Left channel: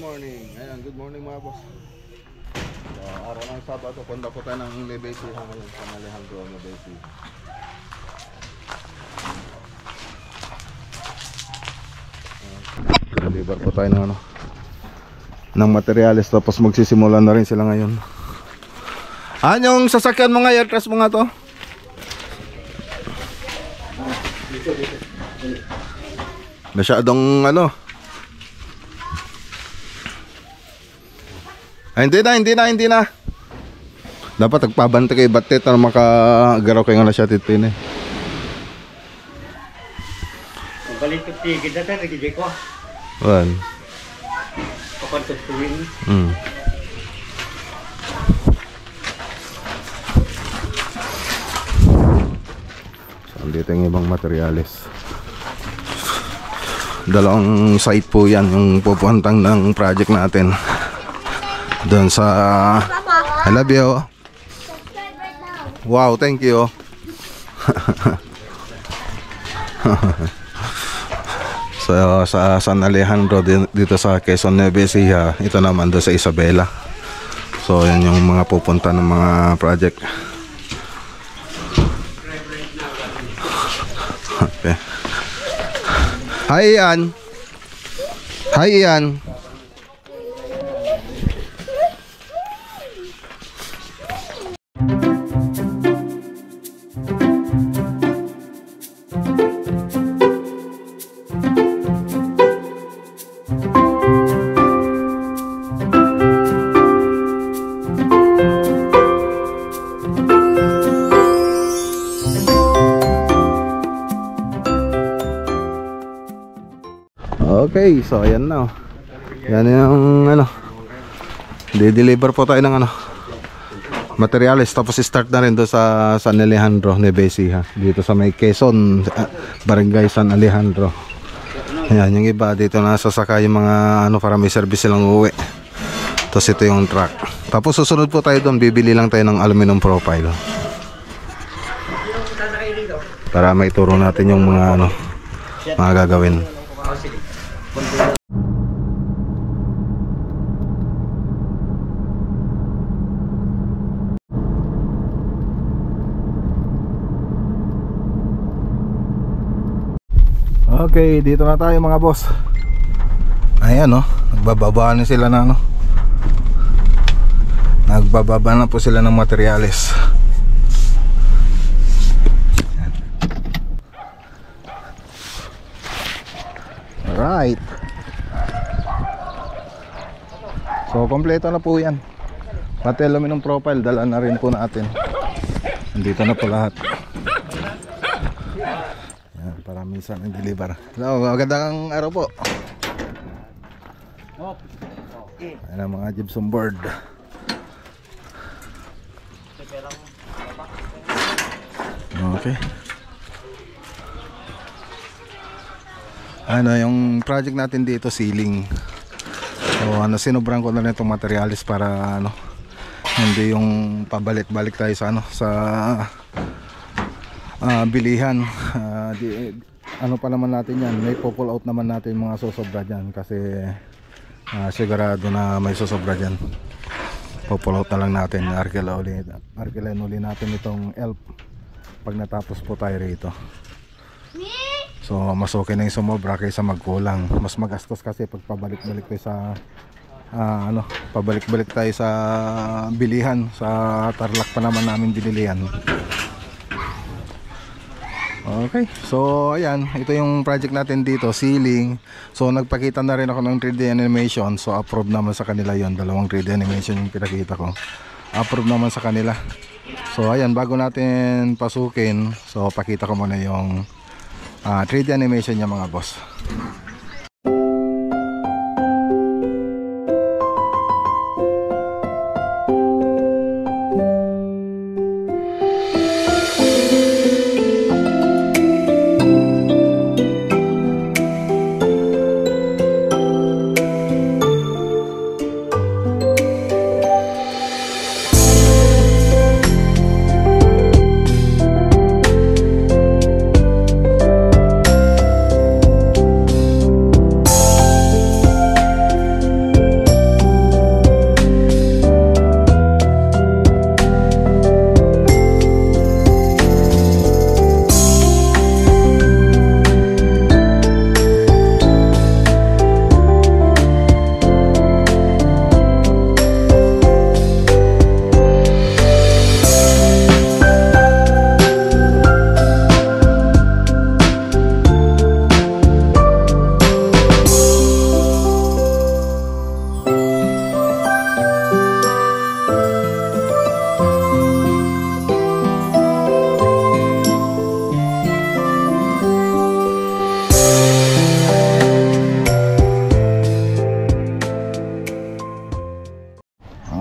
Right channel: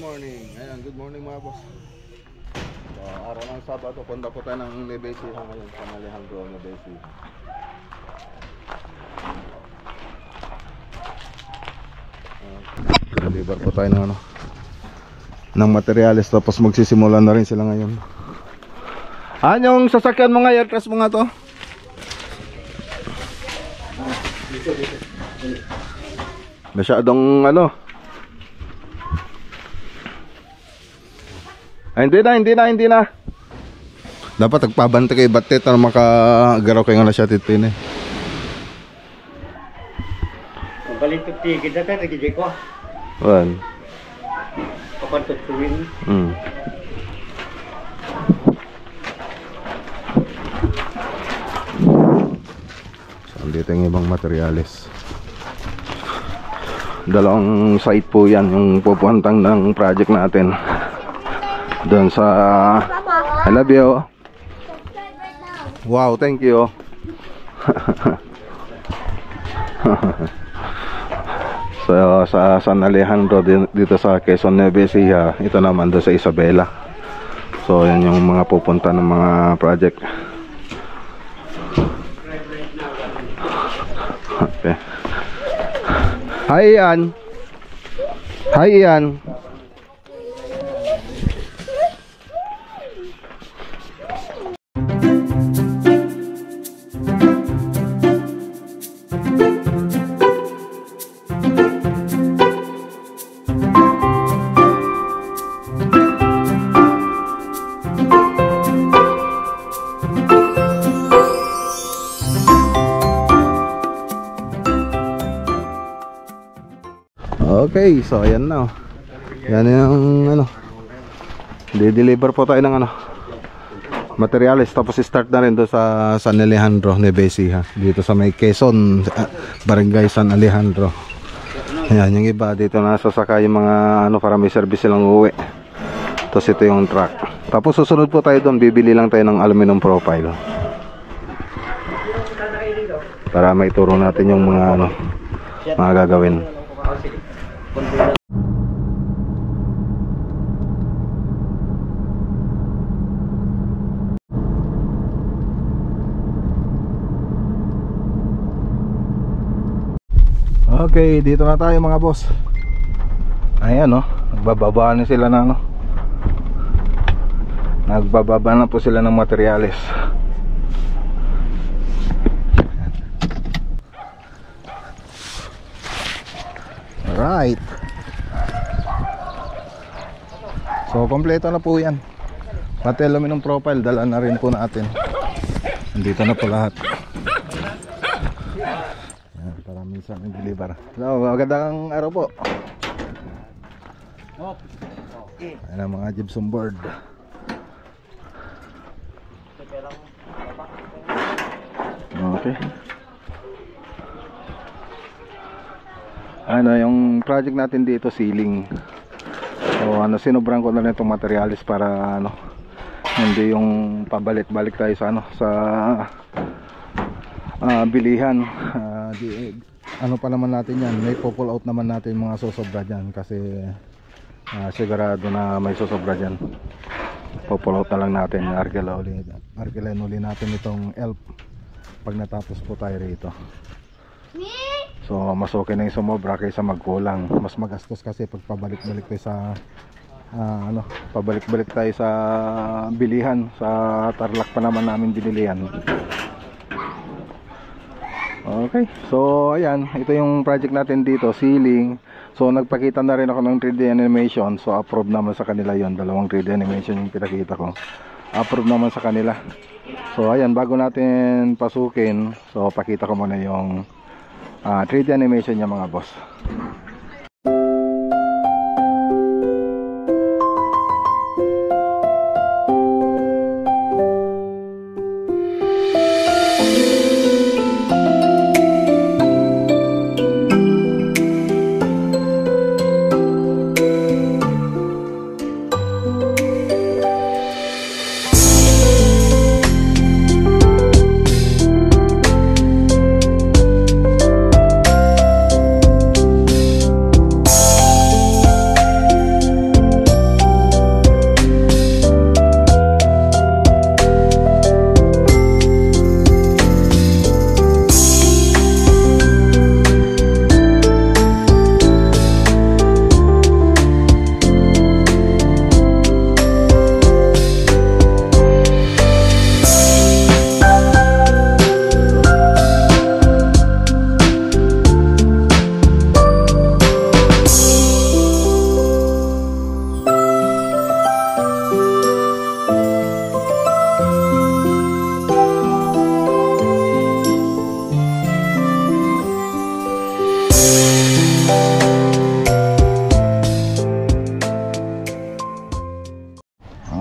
morning. Ayan, good morning mga boss. So, araw ng Sabado, punta po tayo ng Nebesi ngayon sa Alejandro Nebesi. Deliver po tayo ng ng materials, tapos magsisimula na rin sila ngayon. Yung sasakyan mo nga, aircraft mo nga to? Masyadong hindi na. Dapat nagpabante kay batet na makagaraw kayo nga na siya titin eh. Balik ko tigid na tayo, nagigay ko. Well. Kapantutuin. So, dito yung ibang materyales. Dalawang site po yan yung pupuntang ng project natin. Doon sa I love you. Wow, thank you. So sa San Alejandro dito sa Quezon Nebesi, ito naman doon sa Isabela. So yan yung mga pupunta ng mga project. Okay. Hi Ian. Hi Ian. Okay, so ayan na. Yan yung di-deliver po tayo ng materials, tapos start na rin doon sa San Alejandro Nebesi dito sa may Quezon, Barangay San Alejandro. Ayan, yung iba dito nasasaka yung mga para may service silang uuwi. Tapos ito yung truck. Tapos susunod po tayo doon, bibili lang tayo ng aluminum profile para maituro natin yung mga mga gagawin. Okay, dito na tayo mga boss. Ayan nagbababa na sila na nagbababa na po sila ng materyales. Alright. So kompleto na po yan. Pati aluminum profile dala na rin po natin. Nandito na po lahat. Para minsan i-deliver. Hello, magandang araw po. Ayan ang mga gypsum board. Okay. Yung project natin dito ceiling. So sinubran ko na rin itong materials para hindi yung pabalik-balik tayo sa sa bilihan. Pa naman natin yan, may pull out naman natin mga susobra dyan kasi sigurado na may susobra dyan. Pull out na lang natin, arkilan uli natin itong elf pag natapos po tayo rito. So mas okay na yung sumobra kaysa magkulang. Mas magastos kasi pag pabalik-balik tayo sa pabalik-balik tayo sa bilihan. Sa Tarlac pa naman namin binilihan. Okay, so ayan, ito yung project natin dito, ceiling. So nagpakita na rin ako ng 3D animation. So approve naman sa kanila yon. Dalawang 3D animation yung pinakita ko. Approve naman sa kanila. So ayan, bago natin pasukin, so pakita ko muna yung 3D animation niya mga boss.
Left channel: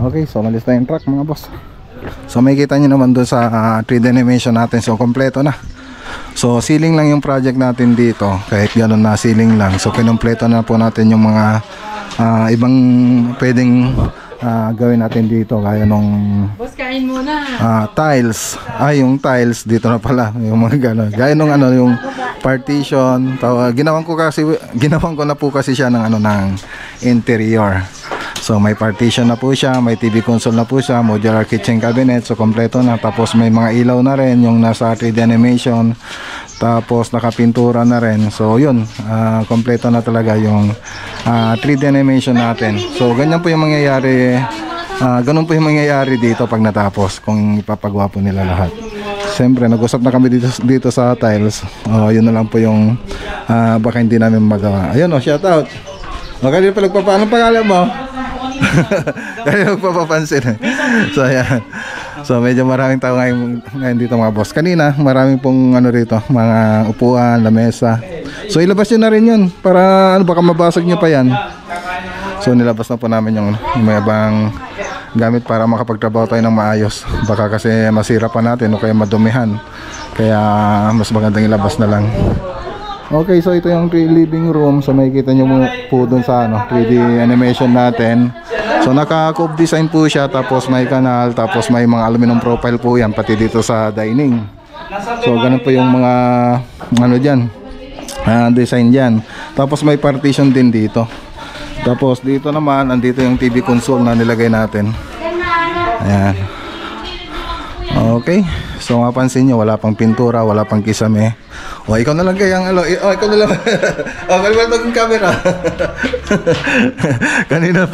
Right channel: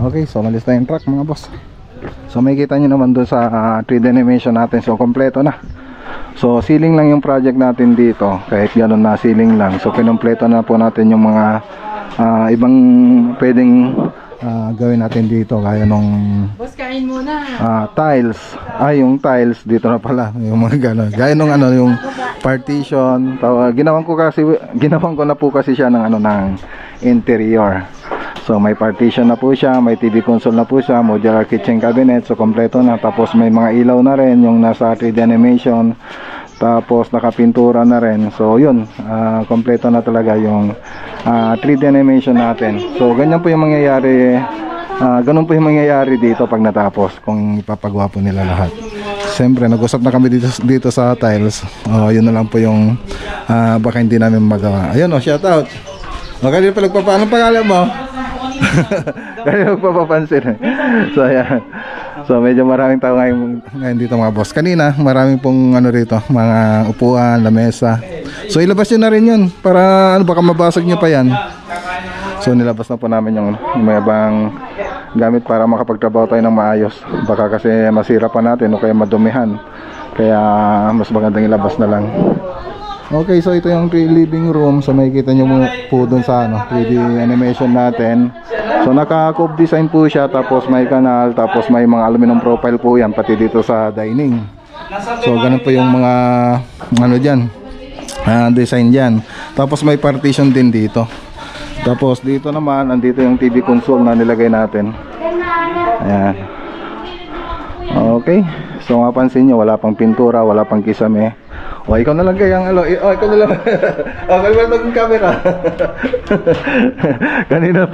Okay, so malis na yung truck mga boss. So makikita nyo naman doon sa 3D animation natin. So kompleto na. So ceiling lang yung project natin dito. Kahit gano'n na ceiling lang. So kinumpleto na po natin yung mga ibang pwedeng gawin natin dito. Gaya nung Boss, kain muna. tiles. Yung tiles dito na pala. Yung mga gano'n. Gaya nung yung partition. Ginawan ko na po kasi siya ng ng interior. So may partition na po siya, may TV console na po siya, modular kitchen cabinet, so kompleto na. Tapos may mga ilaw na rin yung nasa 3D animation. Tapos nakapintura na rin. So yun, kompleto na talaga yung 3D animation natin. So ganyan po yung mangyayari, ganun po yung mangyayari dito pag natapos, kung ipapagawa po nila lahat. Siyempre nag-usap na kami dito sa tiles. Yun na lang po yung baka hindi namin magawa. Ayun, shout out. Kanina pa nagpapaano pangalan mo? Kanina magpapapansin. So ayan. So medyo maraming tao ngayon dito mga boss. Kanina maraming pong rito, mga upuan, lamesa. So ilabas nyo na rin yun para baka mabasag nyo pa yan. So nilabas na po namin yung may ibang gamit para makapagtrabaho tayo ng maayos. Baka kasi masira pa natin o kaya madumihan. Kaya mas magandang ilabas na lang. Okay, so ito yung living room. So makikita nyo po dun sa 3D animation natin. So naka-cove design po siya. Tapos may kanal. Tapos may mga aluminum profile po yan. Pati dito sa dining. So ganun po yung mga dyan, design dyan. Tapos may partition din dito. Tapos dito naman, andito yung TV console na nilagay natin. Ayan. Okay. So mapansin nyo, wala pang pintura, wala pang kisame. Ikaw na lang kayang ikaw na lang. Kalimutan yung camera. kanina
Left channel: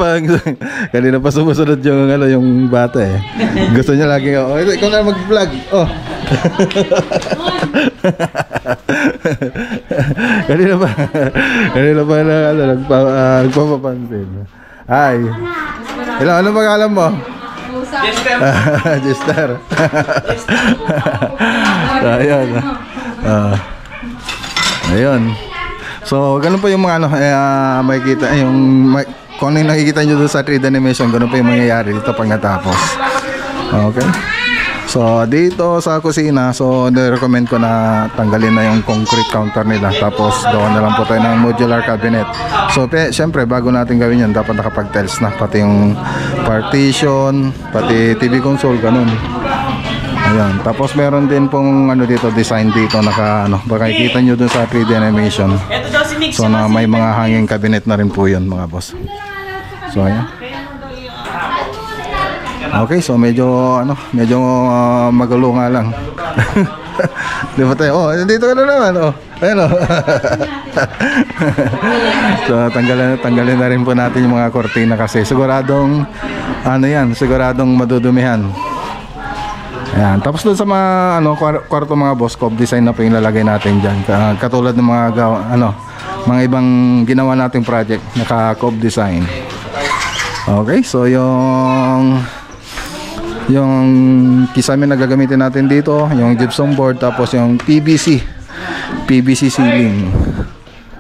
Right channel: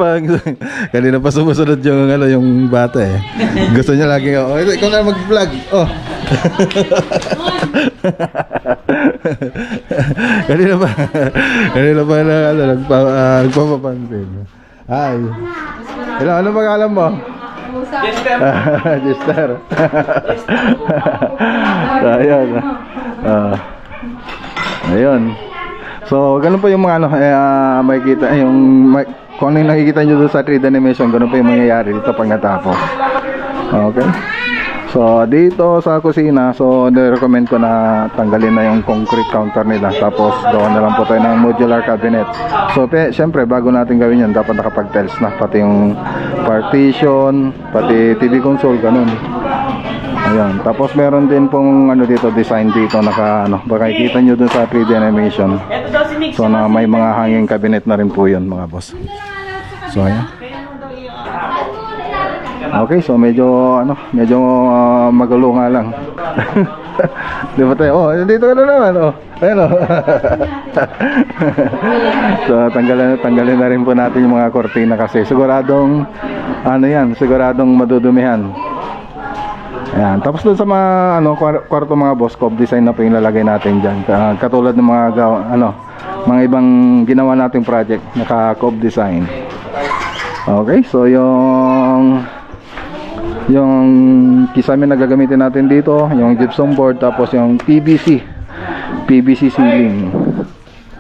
pa sumusunod yung bata eh. Gusto niya lagi ikaw na lang mag-vlog. kanina pa nagpapapansin. Hi. Ano pangalan mo? Jester. Ayun. Ayun. So, ganun pa yung mga makikita yung kung ano yung nakikita nyo doon sa 3D animation, ganun pa yung mangyayari dito pag natapos. Okay. So, dito sa kusina, so recommend ko na tanggalin na yung concrete counter nila. Tapos, doon na lang po tayo ng modular cabinet. So, syempre, bago natin gawin yan, dapat nakapag-tiles na. Pati yung partition, pati TV console, ganun. Ayan. Tapos, meron din pong dito, design dito, baka ikita nyo dun sa 3D animation. So, na may mga hanging cabinet na rin po yun, mga boss. So, ayan. Okay, so medyo magulo nga lang. Di ba tayo? Dito ka na naman. Ayan So tanggalin na rin po natin yung mga kortina kasi siguradong siguradong madudumihan. Ayan. Tapos doon sa mga kwarto mga boss, cove design na po yung lalagay natin diyan. Katulad ng mga mga ibang ginawa nating project, naka-cove design. Okay, so yung kisame na gagamitin natin dito, yung gypsum board, tapos yung PVC ceiling.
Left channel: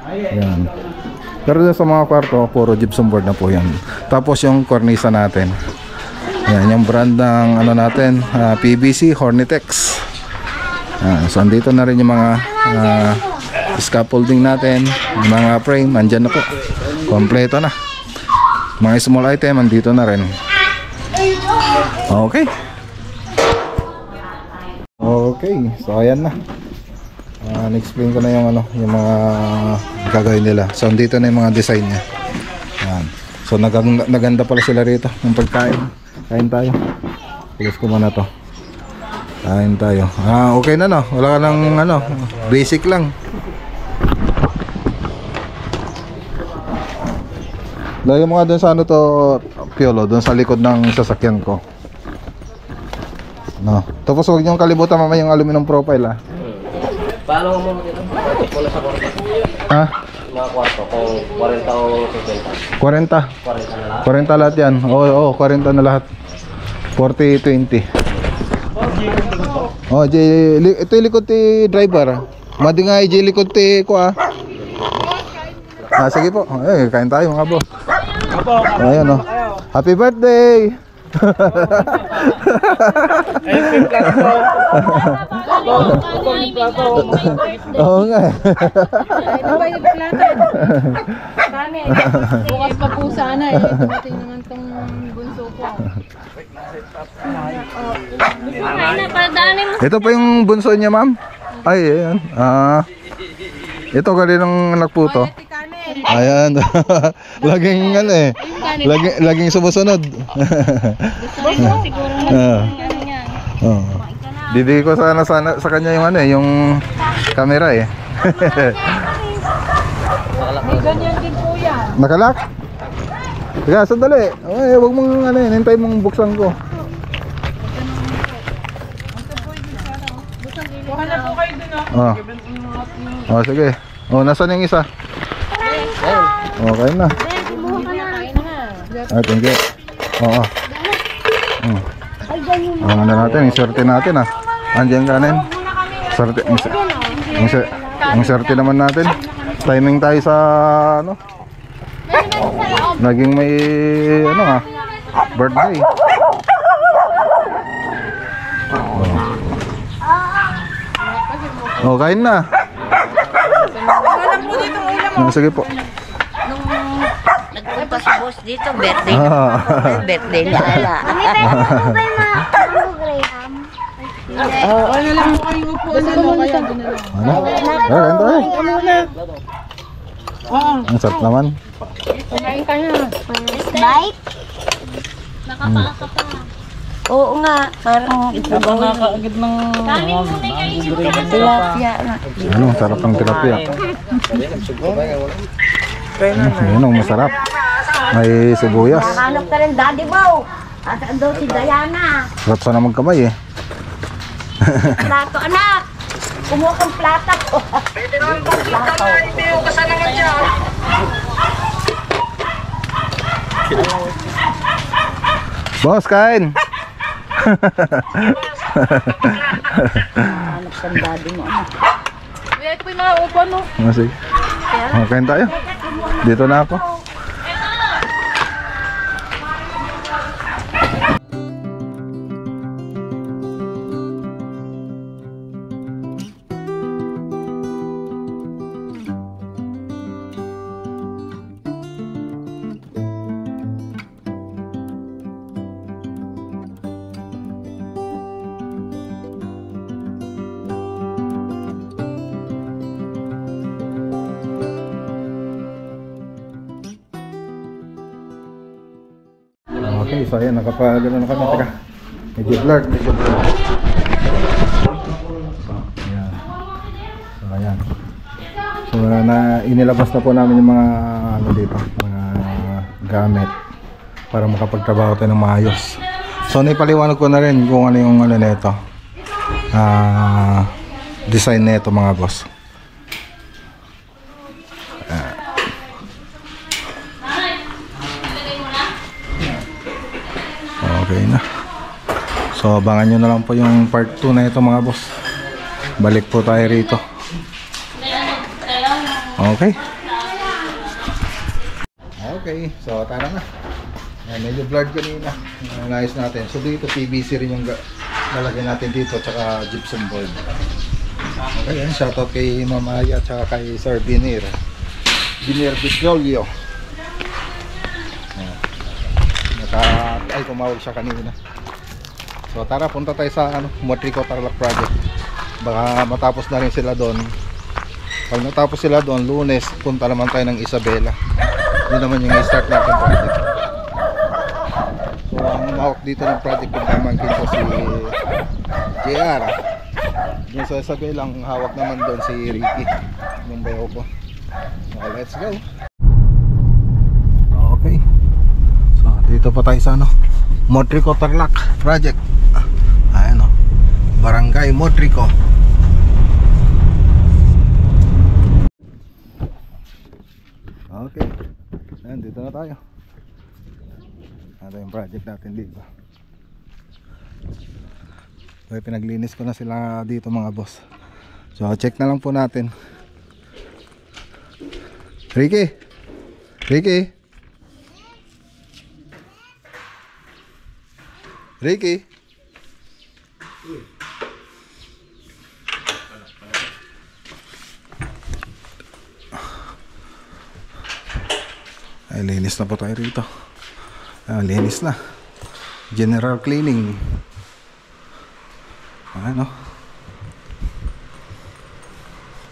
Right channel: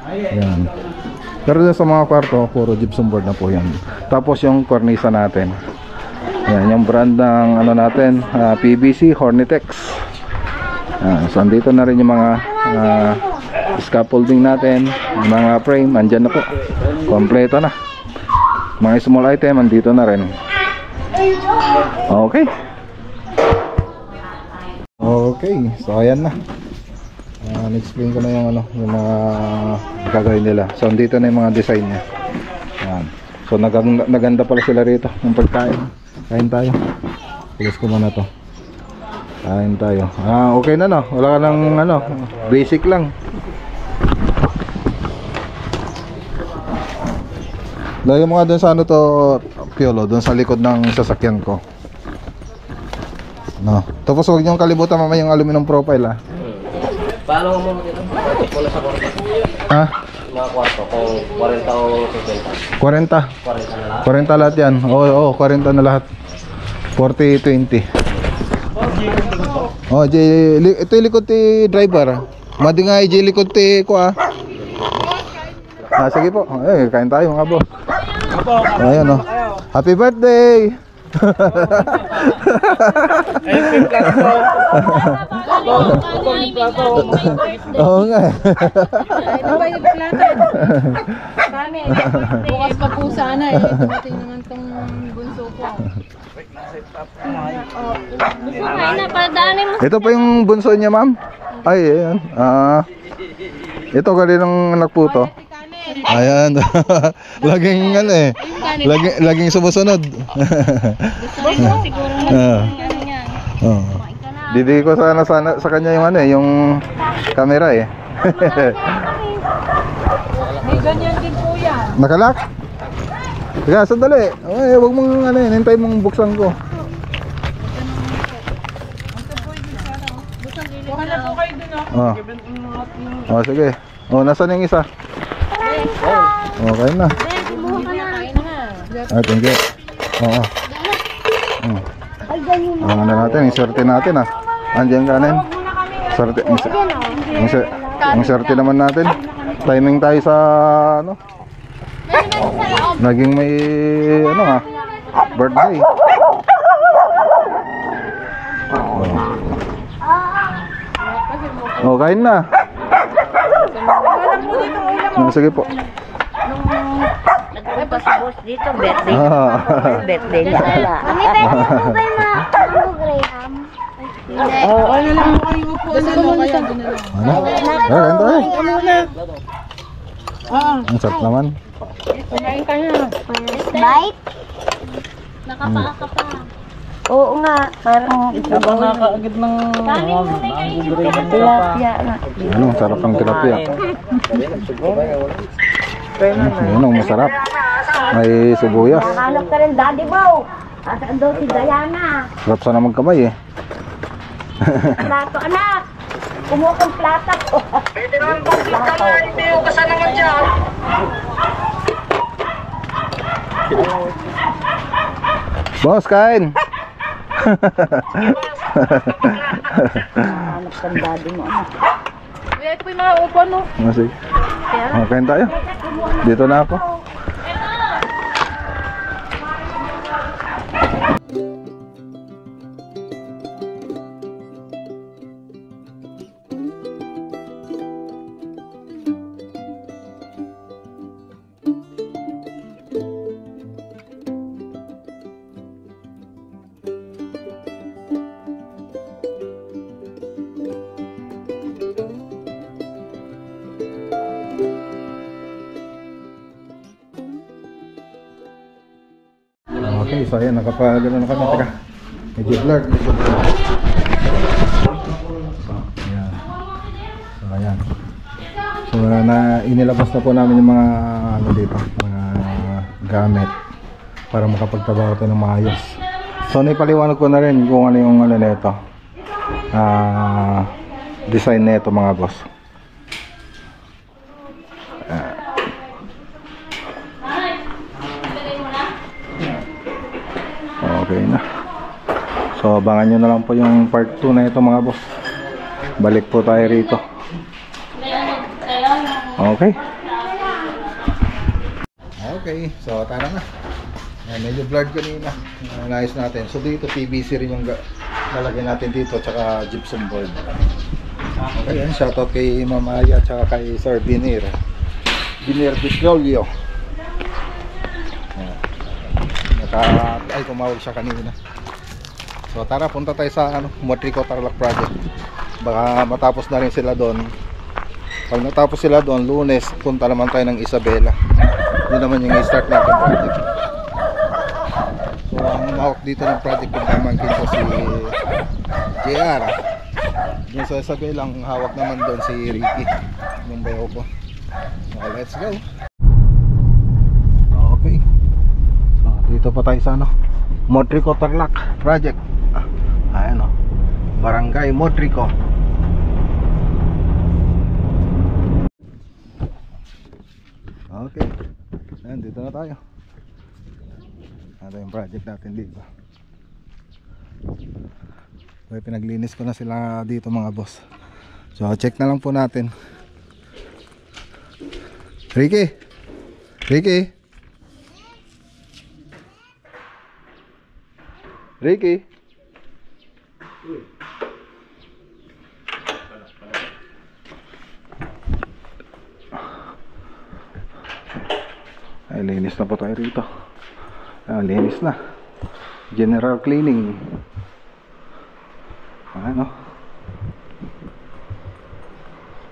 Ayan. Pero sa mga kwarto, puro gypsum board na po yan. Tapos yung cornisa natin. Ayan, yung brand ng natin, PVC Hornitex. So andito na rin yung mga scaffolding natin, yung mga frame, andyan na po. Kompleto na. Mga small item, andito na rin. Okay. So ayan na. Na-explain ko na yung mga gagawin nila. So dito na yung mga design niya. Ayan. So naganda pala sila rito ng pagkain. Kain tayo. Pilis ko muna to. Kain tayo. Okay na wala ka nang basic lang. Lagyan mo nga dun sa to, Piolo, dun sa likod ng sasakyan ko. Tapos huwag niyong kalimutan mamaya yung aluminum profile Paano mo dito? Ito na sa kwarto. Mga kwarto, kung 40 o 50. 40 na lahat? 40 lahat yan. Oo, 40 na lahat. 40-20. Ito yung likod ti driver. Madi nga yung likod ti ko sige po. Kain tayo mga boss. Ayan Happy birthday! Oo nga. Ano ba yung plata? Kami. Bukas pa po sana eh. Dumating naman tong bunso ko. Gusto kain na, para daanin mo. Ito pa yung bunso niya, ma'am? Ay, ayan. Ito kaninang anak po to. Ayan. Laging ano eh. Laging sumusunod. Gusto mo siguro ano yan. Oh. Bibigay ko sana sa kanya yung ano eh, yung camera eh. May ganyan din po yan. Nakalak? Teka, sandali. Ay, wag mong ano eh, hintay mong buksan ko. Kuha na po kayo dun oh. Oh, sige. Oh, nasaan yung isa? Okay na. Kumuha ka na. Thank you. Oo. Ano na natin, yung swerte natin ah. Andiyan kanin. Swerte, yung swerte naman natin. Timing tayo sa ano. Naging may ano ah, birthday. Oh, kain na. Sige po. Nagpunta si boss dito, birthday. Birthday ni Ala. Mami, pwede mo ba yung mga Graham? Ano lang po kayo upuan na ano kaya doon na lang. Ang sarap naman. Kumain ka na. Bite? Nakapaa ka pa. Oo nga, parang ito ba Nakakaagad ng Kanin mo na kayo. tilapia na. Ano, sarap ng tilapia. Ano, masarap. May sibuyas. Hanap ka rin, Daddy Bow. Asaan daw si Diana? Sarap sana magkamay eh. Plato, anak. Kumuha kang plata ko. Pwede naman pang plata na, hindi yung kasanaman dyan. Boss, kain! Hanap ka rin, Daddy mo. Ito po yung mga upuan no. Sige. Kain tayo. Dito na ako. Okay, so ayan, nakapagano na kami. Teka, medyo blurred. So, ayan. So, inilabas na po namin yung mga ano dito, mga gamit para makapagtrabaho tayo ng maayos. So, naipaliwanag ko na rin kung ano yung ano nito, design nito mga boss. Okay na. So abangan nyo na lang po yung part 2 na ito mga boss. Balik po tayo rito. Okay. Okay, so tara na. Medyo blurred kanina. Naayos natin. So dito PVC rin yung lalagyan natin dito, tsaka gypsum board. Okay, yan. Shoutout kay Mama Aya tsaka kay Sir Binir Bitrolio. Ay, tumawag siya kanina. So tara, punta tayo sa Motrico Tarlac project. Baka matapos na rin sila doon. Pag natapos sila doon, Lunes punta naman tayo ng Isabela. Yun naman yung i-start natin project. So ang umawak dito ng project yung pamangkin ko si JR. Yung sa Isabela, ang hawak naman doon si Ricky, yung bayo ko. So let's go. Okay, dito pa tayo sa Motrico Tarlac project. Ayan Barangay Motrico. Okay, ayan, dito na tayo. Ito yung project natin dito. Okay, pinaglinis ko na sila dito mga boss. So check na lang po natin. Ricky, Ricky. Ay, linis na po tayo rito. Linis na. General cleaning. Ano?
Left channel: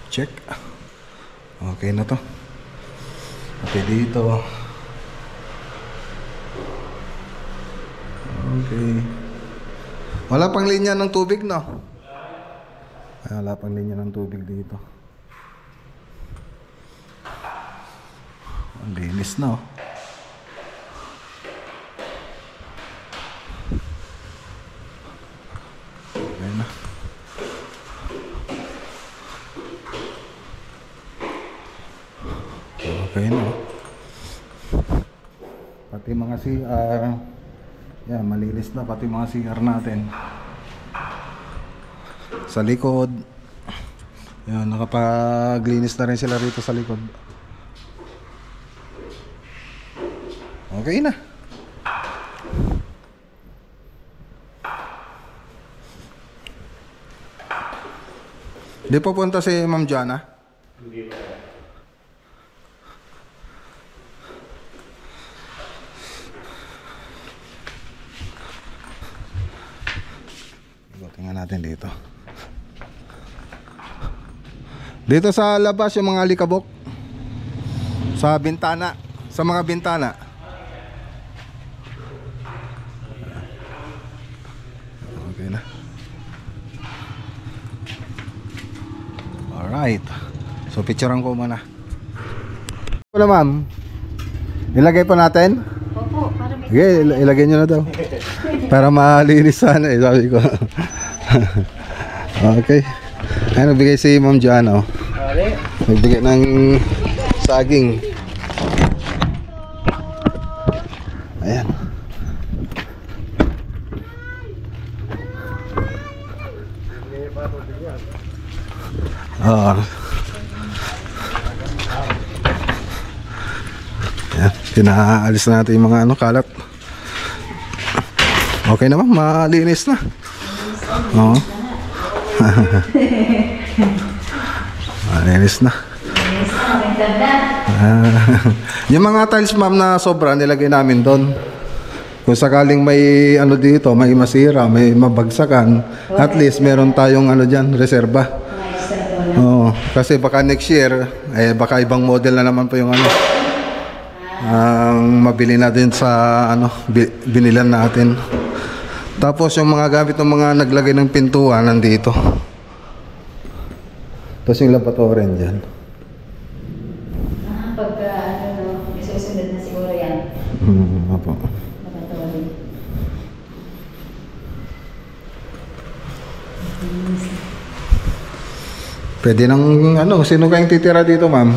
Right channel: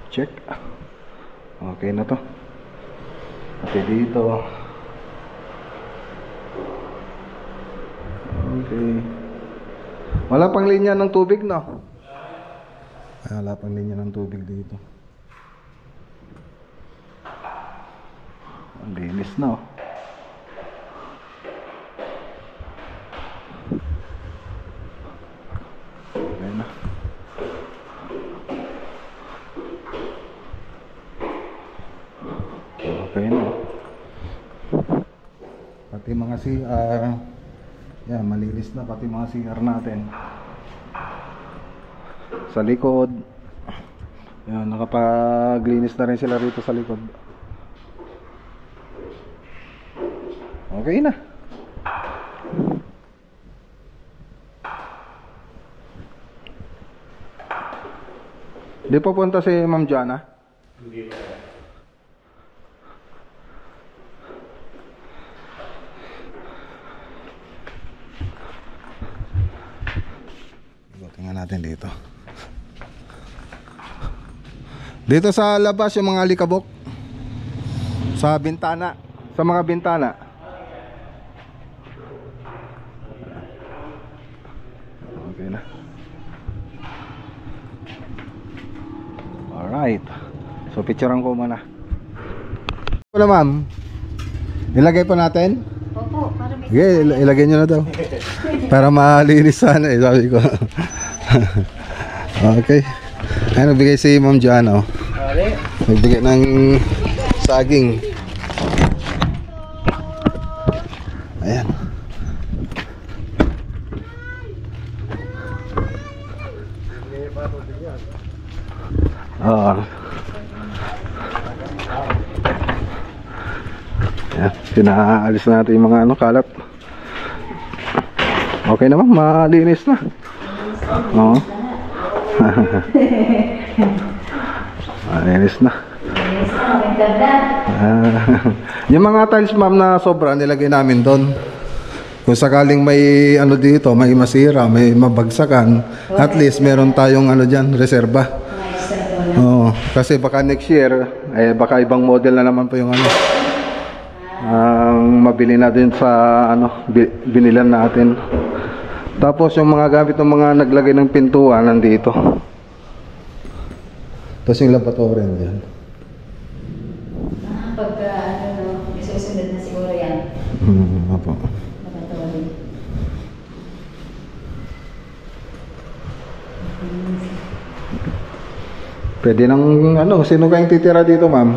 Check. Okay na to. Okay dito. Okay. Wala pang linya ng tubig, no? Ay, wala pang linya ng tubig dito. Ang linis na, oh. Okay na. Okay na, oh. Pati mga CR. Yan, malinis na pati mga CR natin. Sa likod. Yan, nakapaglinis na rin sila rito sa likod. Okay na. Di pa punta si Ma'am Jana? Hindi pa. Tingnan natin dito. Dito sa labas yung mga alikabok. Sa bintana. Sa mga bintana. Okay na. Alright. So picturean ko muna. Wala ma'am. Ilagay pa natin? Opo, para may... Sige, ilagay nyo na daw. Para malinis sana eh, sabi ko. Okay. Ay, nagbigay si Ma'am Joanna, oh. Nagbigay ng saging. Ayan. Oo. Ayan, pinaalis na natin yung mga ano, kalat. Okay naman, malinis na. Oo. Malinis na. Yung mga tiles ma'am na sobra nilagay namin doon. Kung sakaling may ano dito, may masira, may mabagsakan, at least meron tayong ano dyan, reserba. Oo. Kasi baka next year, eh baka ibang model na naman po yung ano. Ang mabili natin sa ano, binilan natin. Tapos yung mga gamit ng mga naglagay ng pintuan nandito. Tapos yung lavatory dyan. Pagka ano, isusunod na siguro yan. Opo. Lavatory. Pwede nang ano, sino kayong titira dito ma'am?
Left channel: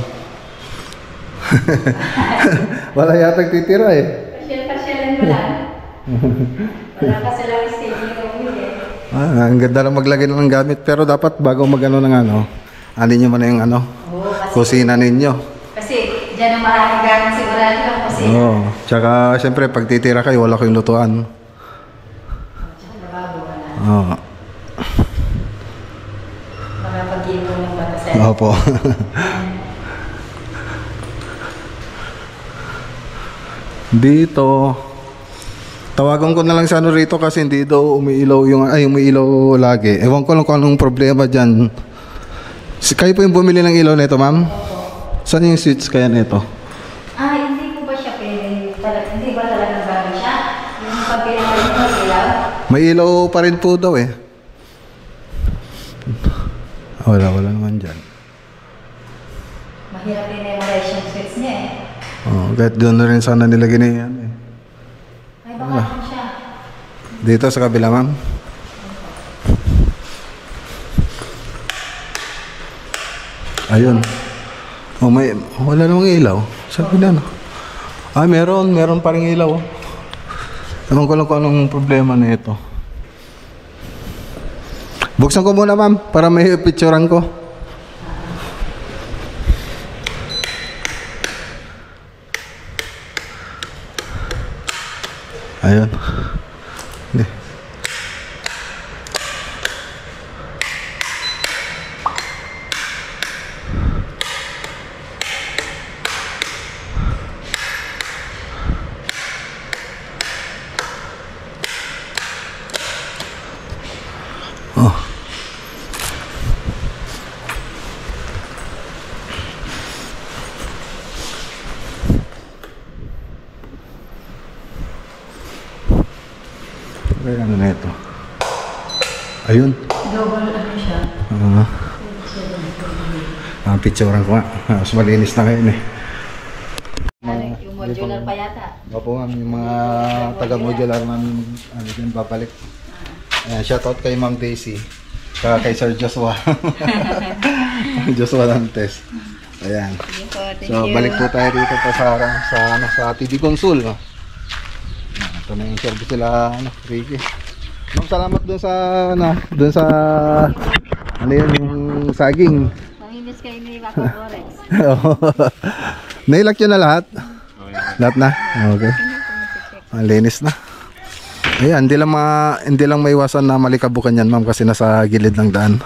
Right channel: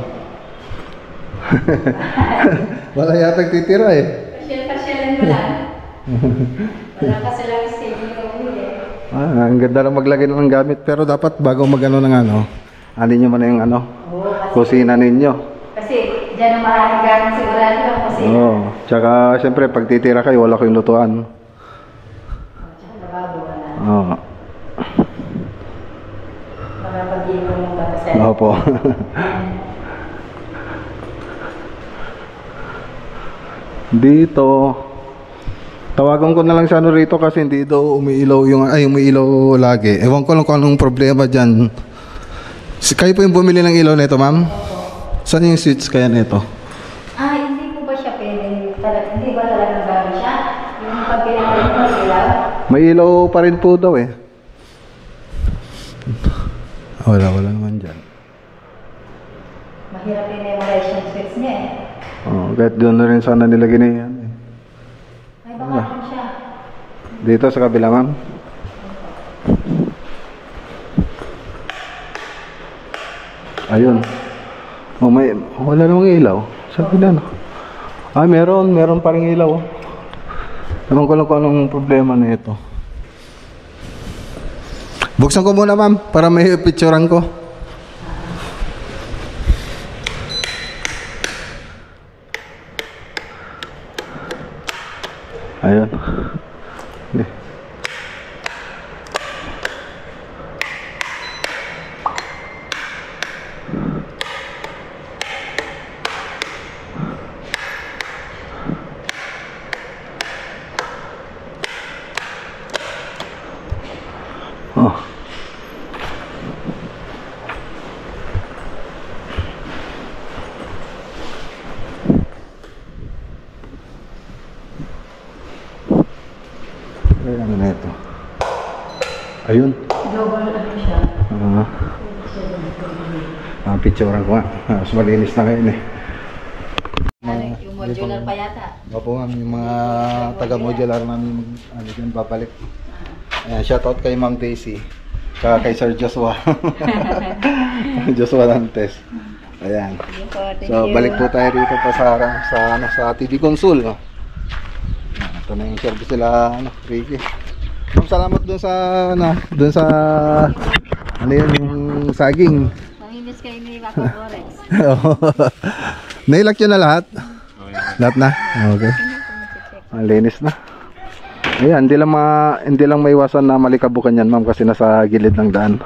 Wala yata titira eh. Pasyal-pasyalan mo lang. Wala kasi lang staging room eh. Ang ganda lang maglagay ng gamit. Pero dapat bago magano ng ano, alin nyo muna yung ano, kusina ninyo. Kasi dyan ang maraming gamit sigurado ang kusina. Oo. Tsaka siyempre pag titira kayo, wala kayong lutuan. Tsaka lababo wala. Oo. Mga pag-iipon ng batasan. Opo. Dito tawagan ko na lang sa ano rito kasi hindi daw umiilaw yung umiilaw lagi. Ewan ko lang kung anong problema diyan. Kayo po yung bumili ng ilaw nito, ma'am? Saan yung switch kaya nito? Hindi po ba siya pwede? Hindi ba talagang bago siya? Yung pagpilihan ng ilaw? May ilaw pa rin po daw eh. Wala naman dyan. Mahirap i-memorize yung switch niya eh. Oh, kahit doon na rin sana nilagay na yan eh. Ay baka po siya. Dito sa kabila, ma'am? Ayun. Oh, wala namang ilaw. Sabi na, no? Meron pa rin ilaw. Ewan ko lang kung anong problema na ito. Buksan ko muna, ma'am, para may picturean ko. Ayun. Ay, ano na ito? Ayun. Double ano siya. Picturean ko nga. Mas malinis na ngayon eh. Yung modular pa yata. Opo ma'am, yung mga taga-modular namin ano dyan, babalik. Ayan, shoutout kay Ma'am Daisy. Saka kay Sir Joshua. Joshua Dantes. Ayan. So balik po tayo dito pa sa TV Consul. No? Ito na yung service sila, Ricky. Ma'am, salamat dun sa ano yun, yung saging. Mamimiss kayo ni Waco Flores. Nailak yun na lahat? Lahat na? Okay. Ang linis na. Ayan, hindi lang maiwasan na malikabukan yan, ma'am, kasi nasa gilid ng daan.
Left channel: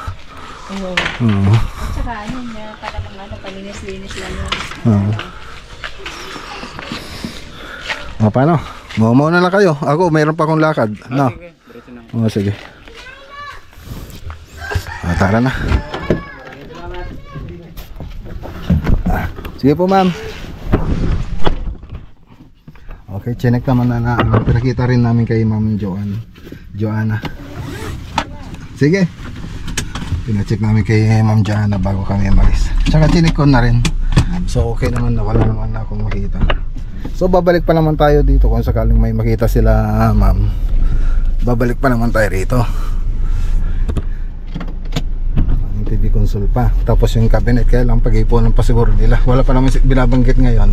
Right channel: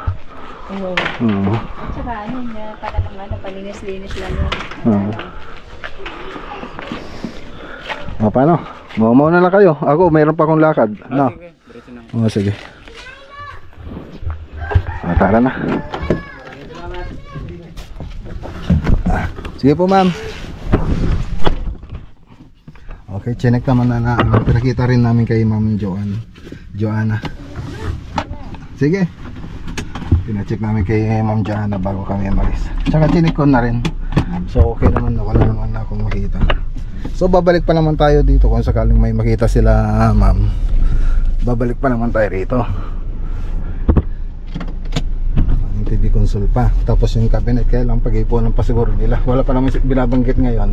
Oo. Tsaka ano niya, para mga palinis-linis lang yun. Paano? Mauna na kayo. Ako, mayroon pa akong lakad. No? Sige. Tara na. Sige po, ma'am. Okay, chinek naman na pinakita rin namin kay Ma'am Joanna. Sige. Pinacheck namin kay Ma'am Joanna bago kami umalis. Tsaka chinek ko na rin. So okay naman na wala naman na akong makita. So babalik pa naman tayo dito kung sakaling may makita sila, ma'am. Babalik pa naman tayo rito. Ang TV console pa. Tapos yung cabinet kaya lang pag-ipunan pa siguro nila. Wala pa naman binabanggit ngayon.